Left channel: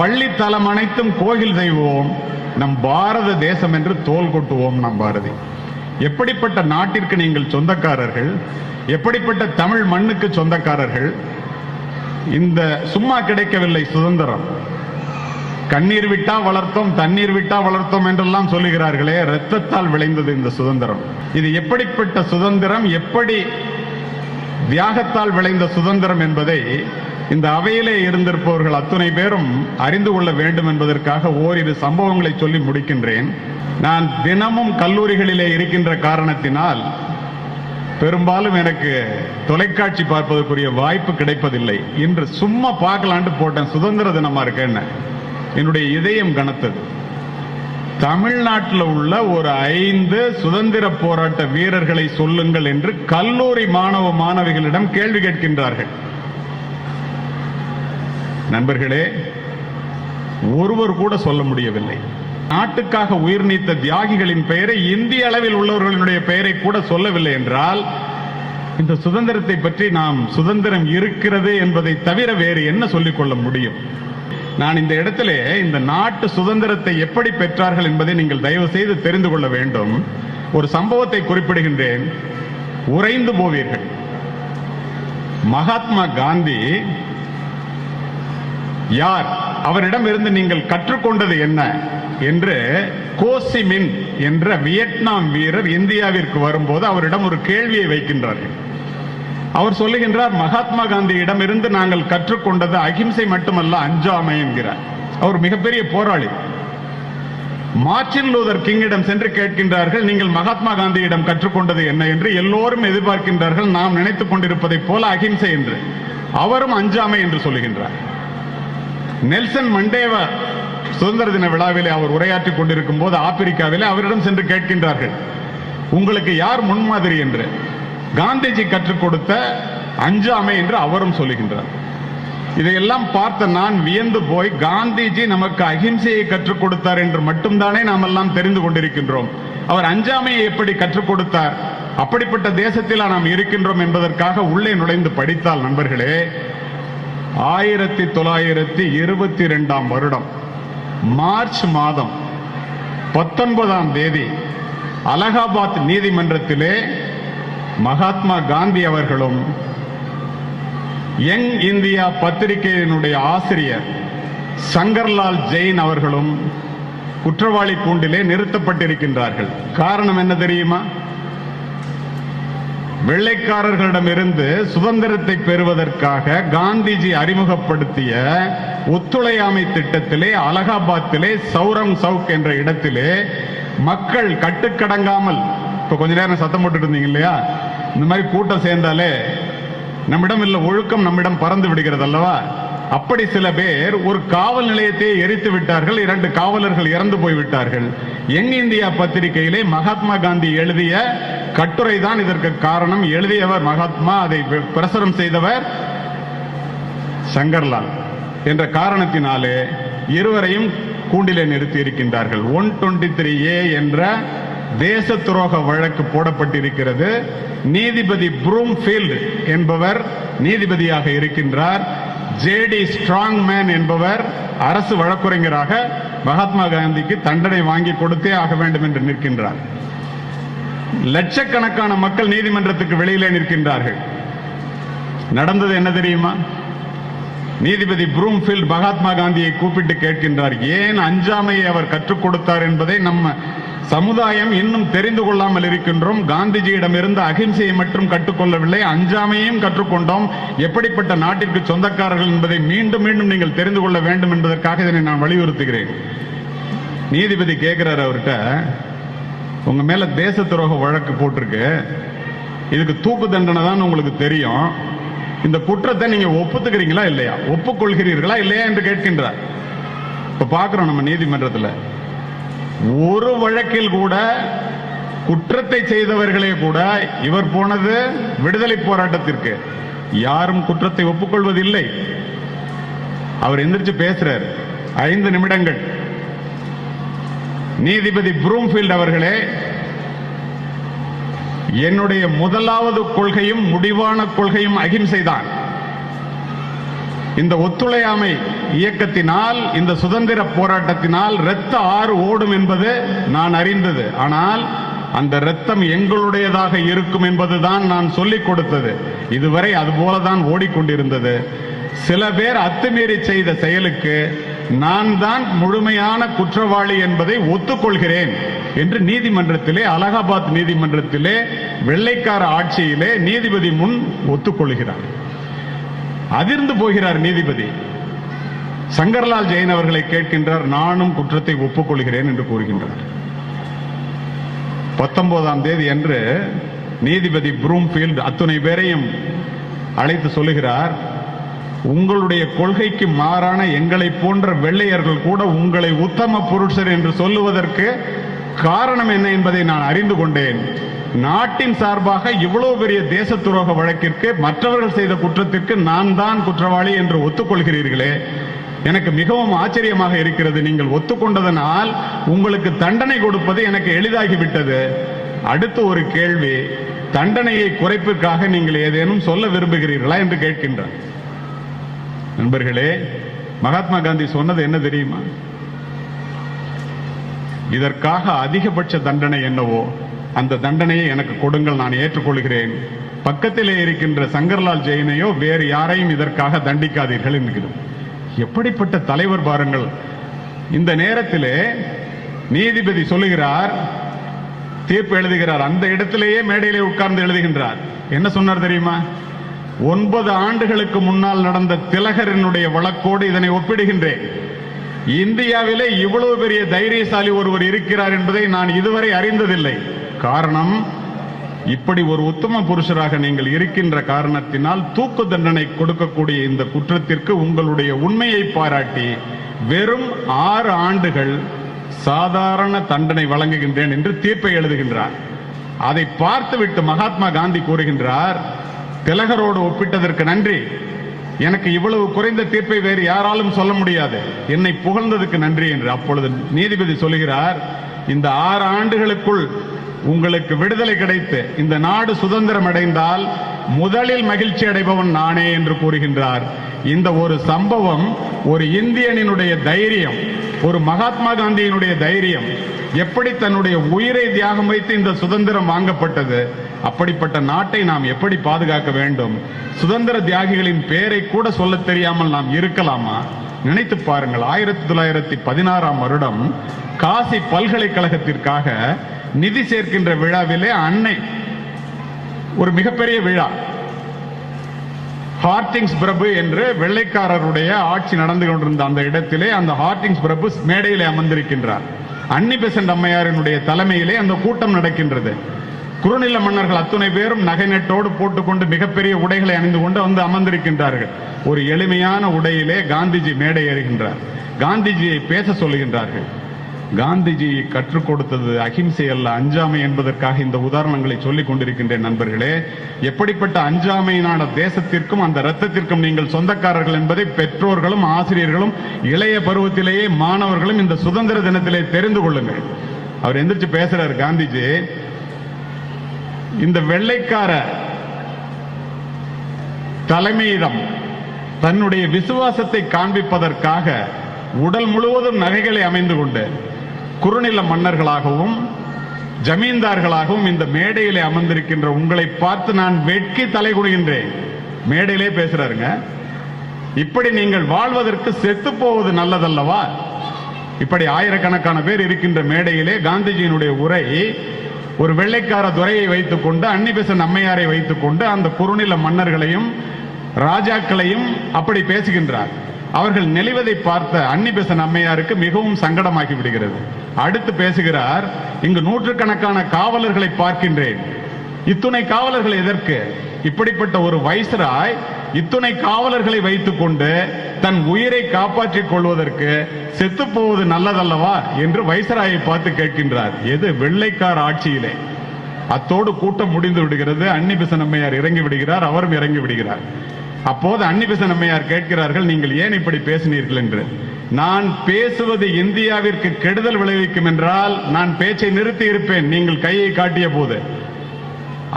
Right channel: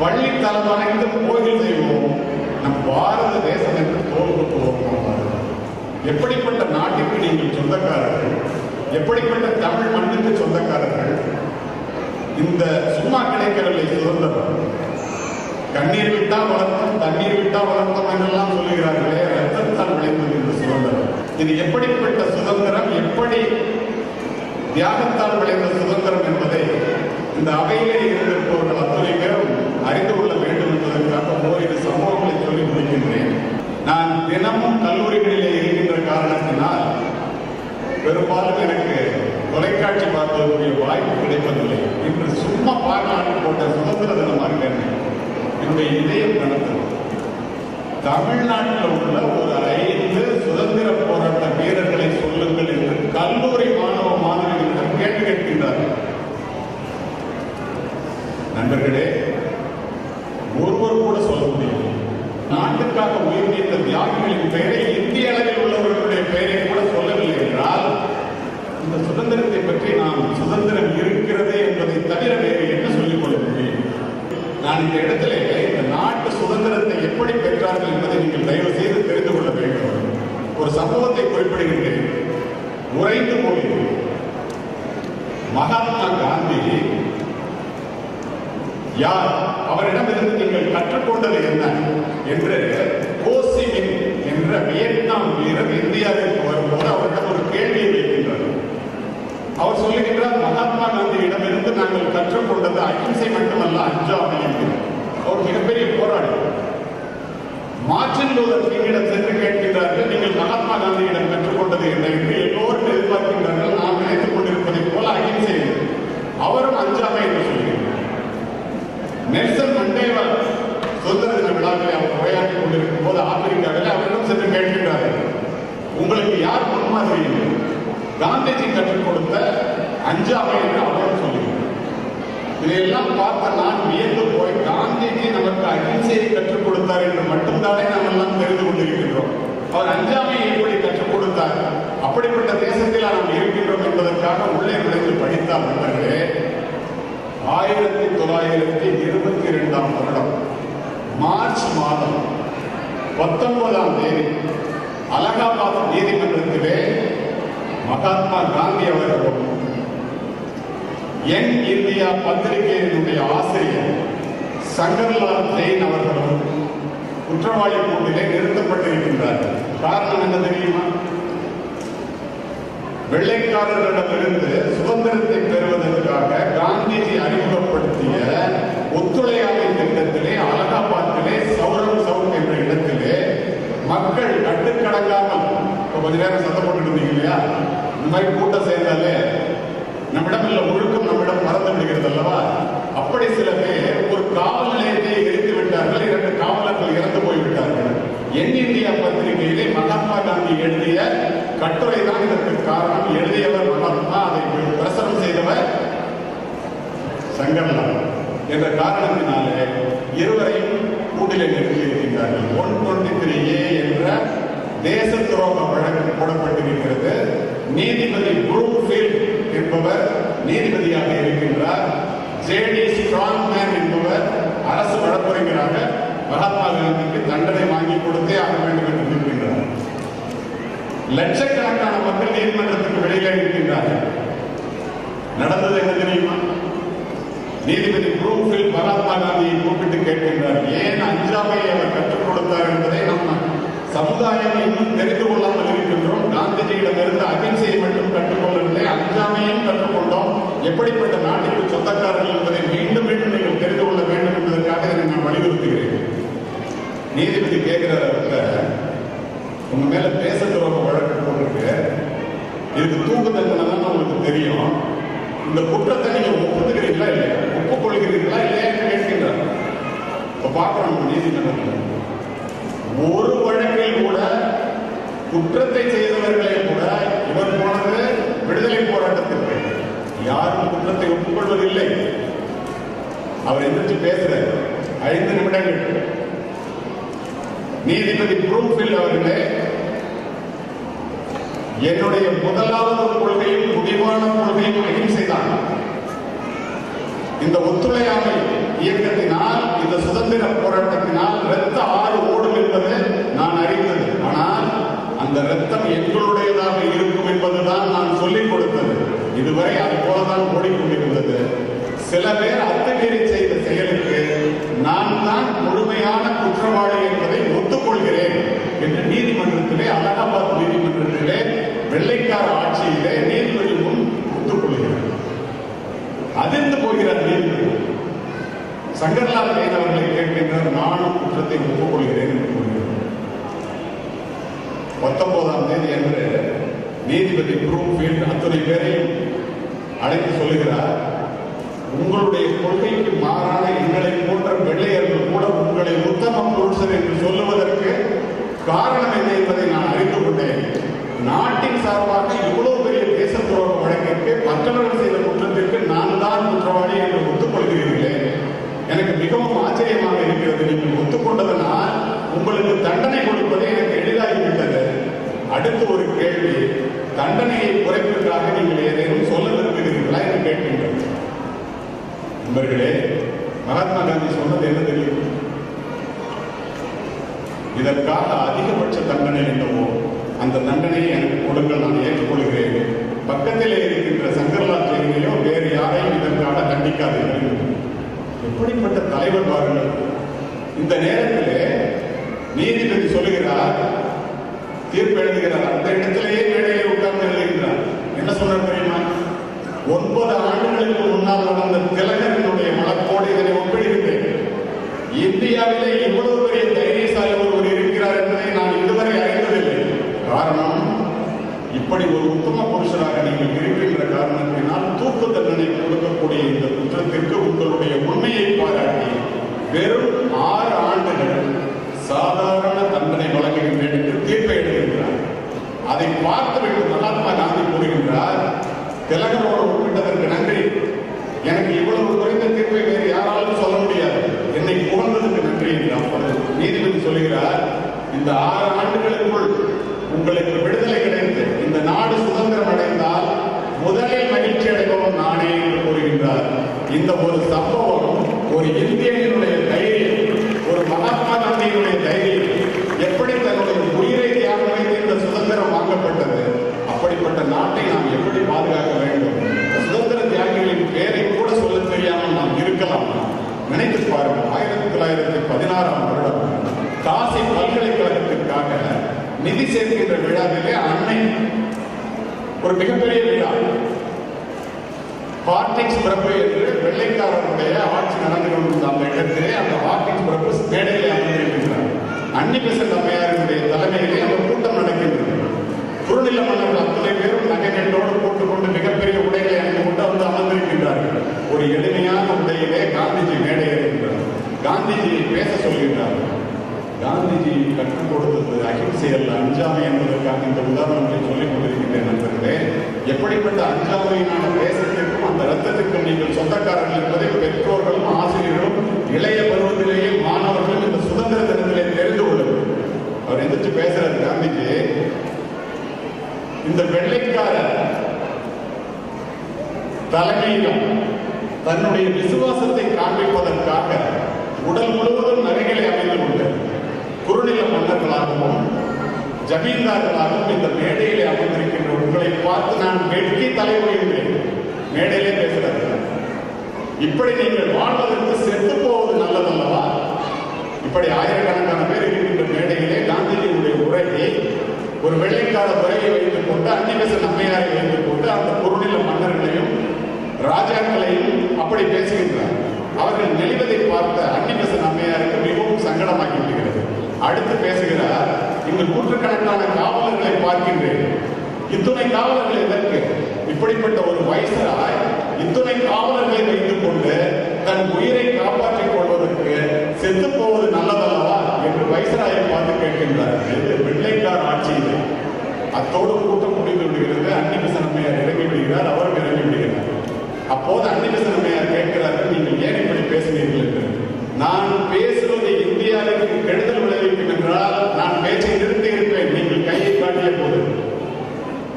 பள்ளித்தலம் அனைத்தும் கோயில் செய்வோம், நம் பாரத தேசம் என்று தோல் கொட்டுவோம். நம் பாரதி எப்படிப்பட்ட நாட்டிற்கு நீங்கள் சொந்தக்காரர்கள், எப்படிப்பட்ட தமிழ் மண்ணுக்கு சொந்தக்காரர்கள். இந்த சும்மா கிடைக்கவில்லை சுதந்திரம். கண்ணீர் விட்டா வளர்த்தோம், தண்ணீர் விட்டா வளர்த்தோம் என்றெல்லாம் சொல்லுகிறார்களே, ரத்தத்தால் விளைந்தது இந்த சுதந்திரம். இது எப்படிப்பட்ட சுதந்திரம், எப்படி தியாகத்தால் விளைந்த சுதந்திரம் என்பதை இந்த அவையிலே இருந்திருப்பவர்கள் அத்துணை பேரும் அறிந்து கொள்ள வேண்டும் என்பதற்காக ஓரிரு சம்பவங்களை சொல்லி முடிக்கின்றேன். நான் தினமும் கல்லூரிகளிலே இருக்கின்ற காரணத்தினால் பெரும்பாலும் எனக்கு தொலைக்காட்சி பார்ப்பதற்குரிய வாய்ப்பு கிடைப்பதில்லை. இன்று சும்மா பார்க்கலான்னு போட்டேன், சுதந்திர தினமா இருக்க என்ன, என்னுடைய இதயம் கனத்தது. தமிழ்நாட்டில் உள்ள ஒரு 5 சுதந்திர போராட்ட வீரர்களை சொல்லுங்கள் என்று கல்லூரி மாணவ மாணவிகளிடம் கேள்வி கேட்கின்றார்கள். நண்பர்களே, ஒருவர் கூட சொல்ல முடியவில்லை. நாட்டுக்காக உயிர் நீத்த தியாகிகளின் பெயரை, இந்திய அளவில் உள்ளவர்களுடைய பெயரை கூட சொல்லவில்லை என்றால் இந்த சுதந்திரத்தை பற்றி நாம் சுதந்திரம் இருக்கிறது என்பதை தவிர வேறு என்ன சொல்லிக்கொள்ள முடியும்? நான் இந்த இடத்திலே இந்த நாட்டு சுதந்திரத்தை எப்படி பெற்றார்கள் என்பதை நீங்கள் தயவு செய்து தெரிந்து கொள்ள வேண்டும். ஒரு சம்பவத்தை குறிப்பிடுகின்றேன், உறைந்து போவீர்கள். மகாத்மா காந்தி யார், அவரிடம் இருந்து நீங்கள் கற்றுக்கொண்டது என்ன என்று கோசிமின் என்ற வியட்நாம் வீரர் இந்தியாவிற்கு வரும்போது அவரிடம் ஒரு கேள்வியை வைக்கின்றார்கள். அவர் சொல்லுகின்றார், மகாத்மா காந்தியிடம் இருந்து நாங்கள் கற்றுக்கொண்டது அகிம்சை மட்டுமல்ல, அஞ்சாமை என்கிறார். அவர் மிகப்பெரிய போராளி. மார்ட்டின் லூதர் கிங்கிடம் சென்று கேட்கின்றார்கள், நீங்கள் மகாத்மா காந்தியிடம் கற்றுக்கொண்டது என்ன என்று. எல்லோரும் எதிர்பார்க்கின்றார்கள் நாம் நினைத்துக் கொண்டிருப்பதை போல அகிம்சை என்று. அவரும் அஞ்சாமை என்று சொல்லுகின்றார். நெல்சன் மண்டேலா சுதந்திர தின விழாவிலே அவர் உரையாற்றிக் கொண்டிருக்கும் போது ஆப்பிரிக்காவிலே அவரிடம் சென்று கேட்கின்றார்கள், உங்களுக்கு யார் முன்மாதிரி என்று. காந்திஜி கற்றுக் கொடுத்த அஞ்சாமை என்று அவரும் சொல்லுகின்றார். இதையெல்லாம் பார்த்த நான் வியந்து போய், காந்திஜி நமக்கு அகிம்சையை கற்றுக் கொடுத்தார் என்று மட்டும்தானே நாம் எல்லாம் தெரிந்து கொண்டிருக்கின்றோம். அவர் அஞ்சாமையை எப்படி கற்றுக் கொடுத்தார், அப்படிப்பட்ட தேசத்தில் நாம் இருக்கின்றோம் என்பதற்காக உள்ளே நுழைந்து படித்தால் நண்பர்களே, 1922ஆம் வருடம் மார்ச் மாதம் 19ஆம் தேதி அலகாபாத் நீதிமன்றத்திலே மகாத்மா காந்தி அவர்களும் யங் இந்தியா பத்திரிகையினுடைய ஆசிரியர் சங்கர்லால் ஜெயின் அவர்களும் குற்றவாளி கூண்டிலே நிறுத்தப்பட்டிருக்கின்றார்கள். காரணம் என்ன தெரியுமா? வெள்ளைக்காரர்களிடமிருந்து சுதந்திரத்தை பெறுவதற்காக காந்திஜி அறிமுகப்படுத்திய ஒத்துழையாமை திட்டத்திலே அலகாபாத்திலே சௌரம் சவுக் என்ற இடத்திலே மக்கள் கட்டுக்கடங்காமல், இப்ப கொஞ்ச நேரம் சத்தம் போட்டு இருந்தீங்க இல்லையா, இந்த மாதிரி கூட்டம் சேர்ந்தாலே நம்மிடம் இல்ல ஒழுக்கம் நம்மிடம் பறந்து விடுகிறது அல்லவா? அப்படி சில பேர் ஒரு காவல் நிலையத்தை எரித்து விட்டார்கள். 2 காவலர்கள் இறந்து போய்விட்டார்கள். யங் இந்தியா பத்திரிகையிலே மகாத்மா காந்தி எழுதிய கட்டுரை தான் இதற்கு காரணம். எழுதியவர் மகாத்மா, அதை பிரசுரம் செய்தவர் சங்கர்லால் என்ற காரணத்தினாலே இருவரையும் கூண்டிலே நிறுத்தி இருக்கின்றார்கள். 123A என்ற தேச துரோக வழக்கு போடப்பட்டிருக்கிறது. நீதிபதி ப்ரூம்ஃபீல்ட் என்பவர் நீதிபதியாக இருக்கின்றார். JD ஸ்ட்ராங்மேன் என்பவர் அரசு வழக்குரைஞராக மகாத்மா காந்திக்கு தண்டனை வாங்கி கொடுத்தே ஆக வேண்டும் என்று நிற்கின்றார். லட்சக்கணக்கான மக்கள் நீதிமன்றத்துக்கு வெளியிலே நிற்கின்றார்கள். நடந்தது என்ன தெரியுமா? நீதிபதி ப்ரூம்ஃபீல்ட் மகாத்மா காந்தியை கூப்பிட்டு கேட்கின்றார், ஏன் அஞ்சாமையை அவர் கற்றுக் கொடுத்தார் என்பதை நம்ம சமுதாயம் இன்னும் தெரிந்து கொள்ளாமல் இருக்கின்றோம். காந்திஜியிடமிருந்து அகிம்சையை மட்டும் கற்றுக்கொள்ளவில்லை, அஞ்சாமையும் கற்றுக்கொண்டோம். எப்படிப்பட்ட நாட்டிற்கு சொந்தக்காரர்கள் என்பதை மீண்டும் மீண்டும் நீங்கள் தெரிந்து கொள்ள வேண்டும் என்பதற்காக இதனை நான் வலியுறுத்துகிறேன். நீதிபதி கேட்கிறார் அவர்கிட்ட, உங்க மேல தேச துரோக வழக்கு போட்டிருக்கு, இதுக்கு தூக்கு தண்டனை தான் உங்களுக்கு தெரியும், இந்த குற்றத்தை நீங்க ஒப்புத்துக்கிறீங்களா இல்லையா, ஒப்புக்கொள்கிறீர்களா இல்லையா என்று கேட்கின்றார். இப்ப பார்க்கிறோம் நம்ம நீதிமன்றத்தில் ஒரு வழக்கில் கூட குற்றத்தை செய்தவர்களே கூட இவர் போனது விடுதலை போராட்டத்திற்கு, யாரும் குற்றத்தை ஒப்புக்கொள்வதில்லை. அவர் எந்திரிச்சு பேசுறார் 5 நிமிடங்கள். நீதிபதி ப்ரூம்ஃபீல்ட் அவர்களே, என்னுடைய முதலாவது கொள்கையும் முடிவான கொள்கையும் அகிம்சை தான். இந்த ஒத்துழையாமை இயக்கத்தினால், இந்த சுதந்திர போராட்டத்தினால் இரத்த ஆறு ஓடும் என்பது நான் அறிந்தது. ஆனால் அந்த இரத்தம் எங்களுடையதாக இருக்கும் என்பதுதான் நான் சொல்லிக் கொடுத்தது. இதுவரை அதுபோலதான் ஓடிக்கொண்டிருந்தது. சில பேர் அத்துமீறி செய்த செயலுக்கு நான் தான் முழுமையான குற்றவாளி என்பதை ஒத்துக்கொள்கிறேன் என்று நீதிமன்றத்திலே, அலகாபாத் நீதிமன்றத்திலே, வெள்ளைக்கார ஆட்சியிலே நீதிபதி முன் ஒத்துக்கொள்கிறார். அதிர்ந்து போகிறார் நீதிபதி. சங்கர்லால் ஜெயின் அவர்களை கேட்கின்றார், நானும் குற்றத்தை ஒப்புக்கொள்கிறேன் என்று கூறுகின்றார். 19ஆம் தேதி அன்று நீதிபதி ப்ரூம்ஃபீல்ட் அத்துணை பேரையும் அழைத்து சொல்கிறார், உங்களுடைய கொள்கைக்கு மாறான எங்களை போன்ற வெள்ளையர்கள் கூட உங்களை உத்தம புருஷர் என்று சொல்லுவதற்கு காரணம் என்ன என்பதை நான் அறிந்து கொண்டேன். நாட்டின் சார்பாக இவ்வளவு பெரிய தேச துரோக வழக்கிற்கு, மற்றவர்கள் செய்த குற்றத்திற்கு நான் தான் குற்றவாளி என்று ஒத்துக்கொள்கிறீர்களே, எனக்கு மிகவும் ஆச்சரியமாக இருக்கிறது. நீங்கள் ஒத்துக்கொண்டதனால் உங்களுக்கு தண்டனை கொடுப்பது எனக்கு எளிதாகிவிட்டது. அடுத்து ஒரு கேள்வி, தண்டனையை குறைப்புக்காக நீங்கள் ஏதேனும் சொல்ல விரும்புகிறீர்களா என்று கேட்கின்றார். நண்பர்களே, மகாத்மா காந்தி சொன்னது என்ன தெரியுமா? இதற்காக அதிகபட்ச தண்டனை என்னவோ அந்த தண்டனையை எனக்கு கொடுங்கள், நான் ஏற்றுக்கொள்கிறேன். பக்கத்திலே இருக்கின்ற சங்கர்லால் ஜெயினையோ வேறு யாரையும் இதற்காக தண்டிக்காதீர்கள் என்று. எப்படிப்பட்ட தலைவர் பாருங்கள். இந்த நேரத்திலே நீதிபதி சொல்லுகிறார், தீர்ப்பு எழுதுகிறார். அந்த இடத்திலேயே மேடையிலே உட்கார்ந்து எழுதுகின்றார். என்ன சொன்னார் தெரியுமா? 9 ஆண்டுகளுக்கு முன்னால் நடந்த திலகரனுடைய வழக்கோடு இதனை ஒப்பிடுகின்றேன். இந்தியாவிலே இவ்வளவு பெரிய தைரியசாலி ஒருவர் இருக்கிறார் என்பதை நான் இதுவரை அறிந்ததில்லை. காரணம், இப்படி ஒரு உத்தம புருஷராக நீங்கள் இருக்கின்ற காரணத்தினால் தூக்கு தண்டனை கொடுக்கக்கூடிய இந்த குற்றத்திற்கு உங்களுடைய உண்மையை பாராட்டி வெறும் 6 ஆண்டுகள் சாதாரண தண்டனை வழங்குகின்றேன் என்று தீர்ப்பை எழுதுகின்றார். அதை பார்த்துவிட்டு மகாத்மா காந்தி கூறுகின்றார், திலகரோடு ஒப்பிட்டதற்கு நன்றி. எனக்கு இவ்வளவு குறைந்த தீர்ப்பை வேறு யாராலும் சொல்ல முடியாது. என்னை புகழ்ந்ததுக்கு நன்றி என்று. அப்பொழுது நீதிபதி சொல்கிறார், இந்த 6 ஆண்டுகளுக்குள் உங்களுக்கு விடுதலை கிடைத்து இந்த நாடு சுதந்திரம் அடைந்தால் முதலில் மகிழ்ச்சி அடைபவன் நானே என்று கூறுகின்றார். இந்த ஒரு சம்பவம், ஒரு இந்தியனினுடைய தைரியம், ஒரு மகாத்மா காந்தியினுடைய தைரியம், எப்படி தன்னுடைய உயிரை தியாகம் வைத்து இந்த சுதந்திரம் வாங்கப்பட்டது, அப்படிப்பட்ட நாட்டை நாம் எப்படி பாதுகாக்க வேண்டும்? சுதந்திர தியாகிகளின் பெயரை கூட சொல்ல தெரியாமல் நாம் இருக்கலாமா? நினைத்து பாருங்கள். 1916ஆம் வருடம் காசி பல்கலைக்கழகத்திற்காக நிதி சேர்க்கின்ற விழாவிலே அன்னை ஒரு மிகப்பெரிய விழா, ஹார்டிங்ஸ் பிரபு என்று வெள்ளைக்காரருடைய ஆட்சி நடந்து கொண்டிருந்த அந்த இடத்திலே அந்த ஹார்டிங்ஸ் பிரபு மேடையிலே அமர்ந்திருக்கின்றார். அன்னி பெசன்ட் அம்மையாரினுடைய தலைமையிலே அந்த கூட்டம் நடக்கின்றது. குறுநில மன்னர்கள் அத்துணை பேரும் நகை நட்டோடு போட்டுக்கொண்டு மிகப்பெரிய உடைகளை அணிந்து கொண்டு வந்து அமர்ந்திருக்கின்றார்கள். ஒரு எளிமையான உடையிலே காந்திஜி மேடை ஏறுகின்றார். காந்திஜியை பேச சொல்கின்றார்கள். காந்திஜி கற்றுக் கொடுத்தது அகிம்சை அல்ல, அஞ்சாமை என்பதற்காக இந்த உதாரணங்களை சொல்லிக் கொண்டிருக்கின்றேன். நண்பர்களே, எப்படிப்பட்ட அஞ்சாமையினான தேசத்திற்கும் அந்த இரத்தத்திற்கும் நீங்கள் சொந்தக்காரர்கள் என்பதை பெற்றோர்களும் ஆசிரியர்களும் இளைய பருவத்திலேயே மாணவர்களும் இந்த சுதந்திர தினத்திலே தெரிந்து கொள்ளுங்கள். அவர் எந்திரிச்சு பேசுறார் காந்திஜி, இந்த வெள்ளைக்கார தலைமையிடம் தன்னுடைய விசுவாசத்தை காண்பிப்பதற்காக உடல் முழுவதும் நகைகளை அமைந்து கொண்டு குறுநில மன்னர்களாகவும் ஜமீன்தார்களாகவும் இந்த மேடையிலே அமர்ந்திருக்கின்ற உங்களை பார்த்து நான் வெட்கி தலை குனிகின்றேன். மேடையிலே பேசுறாருங்க. இப்படி நீங்கள் வாழ்வதற்கு செத்து போவது நல்லதல்லவா? இப்படி ஆயிரக்கணக்கான பேர் இருக்கின்ற மேடையிலே காந்திஜியினுடைய உரை ஒரு வெள்ளைக்கார துறையை வைத்துக் கொண்டு, அன்னி பெசன்ட் அம்மையாரை வைத்துக் கொண்டு அந்த குறுநில மன்னர்களையும் ராஜாக்களையும் அப்படி பேசுகின்றார். அவர்கள் நெளிவதை பார்த்த அன்னி பெசன்ட் அம்மையாருக்கு மிகவும் சங்கடமாக்கி விடுகிறது. அடுத்து பேசுகிறார், இங்கு நூற்றுக்கணக்கான காவலர்களை பார்க்கின்றேன். இத்துணை காவலர்கள் எதற்கு? இப்படிப்பட்ட ஒரு வைஸ்ராய் இத்துணை காவலர்களை வைத்துக் கொண்டு தன் உயிரை காப்பாற்றிக் கொள்வதற்கு செத்து போவது நல்லதல்லவா என்று வைஸ்ராயை பார்த்து கேட்கின்றார். எது? வெள்ளைக்கார ஆட்சியிலே. அத்தோடு கூட்டம் முடிந்து விடுகிறது. அன்னி பெசன்ட் அம்மையார் இறங்கி விடுகிறார், அவரும் இறங்கி விடுகிறார். அப்போது அன்னி பெசன்ட் அம்மையார் கேட்கிறார்கள், நீங்கள் ஏன் இப்படி பேசினீர்கள் என்று. நான் பேசுவது இந்தியாவிற்கு கெடுதல் விளைவிக்கும் என்றால் நான் பேச்சை நிறுத்தி இருப்பேன், நீங்கள் கையை காட்டிய போது.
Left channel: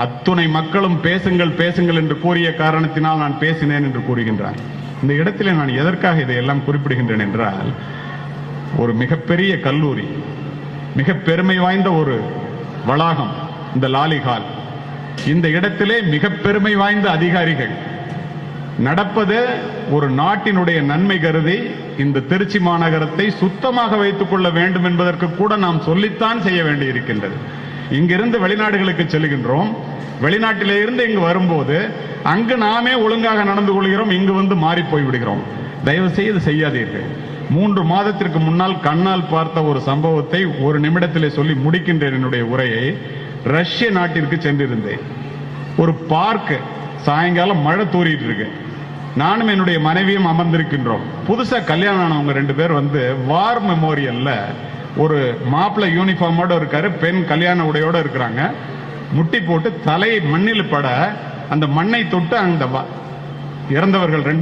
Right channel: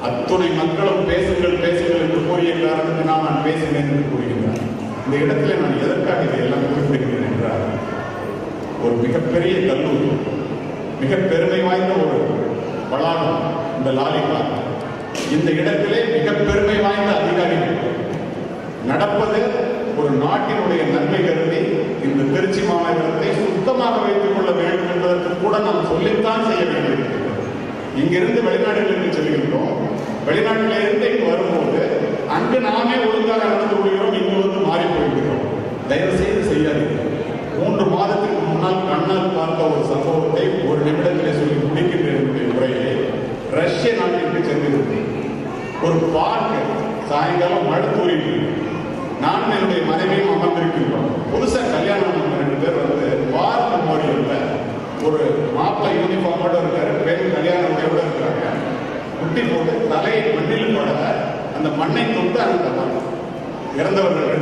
அத்துணை மக்களும் பேசுங்கள் பேசுங்கள் என்று கூறிய காரணத்தினால் நான் பேசினேன் என்று கூறுகின்றார். இந்த இடத்திலே நான் எதற்காக இதையெல்லாம் குறிப்பிடுகின்றேன் என்றால், ஒரு மிகப்பெரிய கல்லூரி, மிக பெருமை வாய்ந்த ஒரு வளாகம் இந்த லாலிஹால். இந்த இடத்திலே மிக பெருமை வாய்ந்த அதிகாரிகள் நடப்பது ஒரு நாட்டினுடைய நன்மை கருதி இந்த திருச்சி மாநகரத்தை சுத்தமாக வைத்துக் கொள்ள வேண்டும் என்பதற்கு கூட நாம் சொல்லித்தான் செய்ய வேண்டியிருக்கின்றது. இங்கிருந்து வெளிநாடுகளுக்கு செல்கின்றோம், வெளிநாட்டிலே இருந்து இங்கு வரும்போது அங்கு நாமே ஒழுங்காக நடந்து கொள்கிறோம், இங்கு வந்து மாறி போய்விடுகிறோம். தயவு செய்து செய்யாதீர்கள். 3 மாதத்திற்கு முன்னால் கண்ணால் பார்த்த ஒரு சம்பவத்தை ஒரு நிமிடத்திலே சொல்லி முடிக்கின்றேன் என்னுடைய உரையை. ரஷ்ய நாட்டிற்கு சென்றிருந்தேன். ஒரு பார்க், சாயங்காலம் மழை தூரிட்டு இருக்கு. நானும் என்னுடைய மனைவியும் அமர்ந்திருக்கின்றோம். புதுசா கல்யாணம் ஆனவங்க 2 பேர் வந்து வார் மெமோரியல்ல ஒரு மாப்பிள்ளை யூனிஃபார்மோட இருக்காரு, பெண் கல்யாண உடையோட இருக்கிறாங்க. முட்டி போட்டு தலை மண்ணில் பட அந்த மண்ணை தொட்டு அந்த இறந்தவர்கள்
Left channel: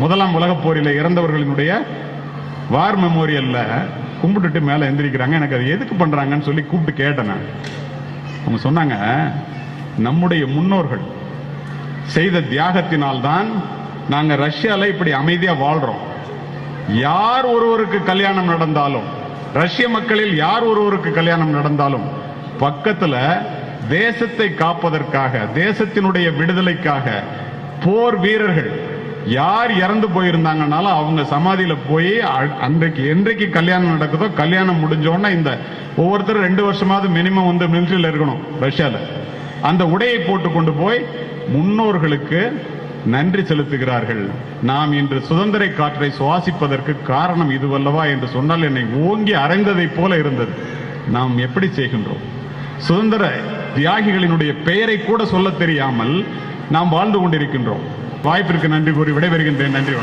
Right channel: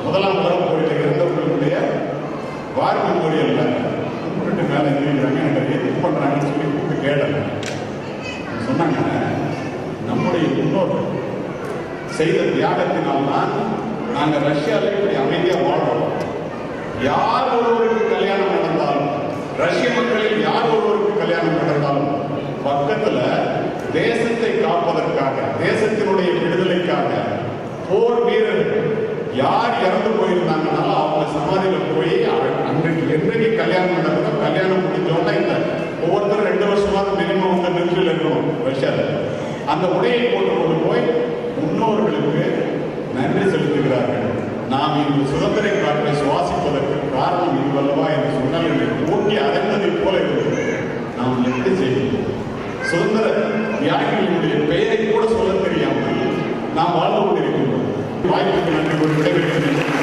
முதலாம் உலக போரில் இறந்தவர்களுடைய வார் மெமோரியல்ல கும்பிட்டுட்டு மேல எந்திரிக்கிறாங்க. எனக்கு அதை எதுக்கு பண்றாங்கன்னு சொல்லி கூப்பிட்டு கேட்டேன். சொன்னாங்க, நம்முடைய முன்னோர்கள் செய்த தியாகத்தினால்தான் நாங்க ரஷ்யால இப்படி அமைதியா வாழ்றோம். யார் ஒருவருக்கு கல்யாணம் நடந்தாலும், ரஷ்ய மக்களில் யார் ஒருவருக்கு கல்யாணம் நடந்தாலும் பக்கத்துல தேசத்தை காப்பதற்காக, தேசத்தினுடைய விடுதலைக்காக போர் வீரர்கள் யார் இறந்து போயிருந்தாங்கனாலும் அவங்க சமாதியில போய் அன்றைக்கு என்றைக்கு கல்யாணம் நடக்குதோ, கல்யாணம் முடிஞ்சோன்னா இந்த ஒவ்வொருத்தரும் 2 வருஷமாவது மினிமம் வந்து மிலிட்டரியில் இருக்கணும் ரஷ்யால. அந்த உடையை போட்டு கொண்டு போய் முன்னோர்களுக்கு நன்றி செலுத்துகிறார்கள். நாம் இன்று சுதந்திர காற்றை சுவாசிப்பதற்கு காரணம் இதுவல்லவா என்று சொன்னால் என்னை ஓங்கி அறைந்ததை போல இருந்தது. நாம் எப்படி செய்கின்றோம்? சுதந்திர தியாகிகளினுடைய பெயரை கூட சொல்ல தெரியாமல் நாம் வாழ்ந்து கொண்டிருக்கின்றோம். வாய்ப்பிற்கு நன்றி கூறி விடைபெறுகின்றேன். நன்றி.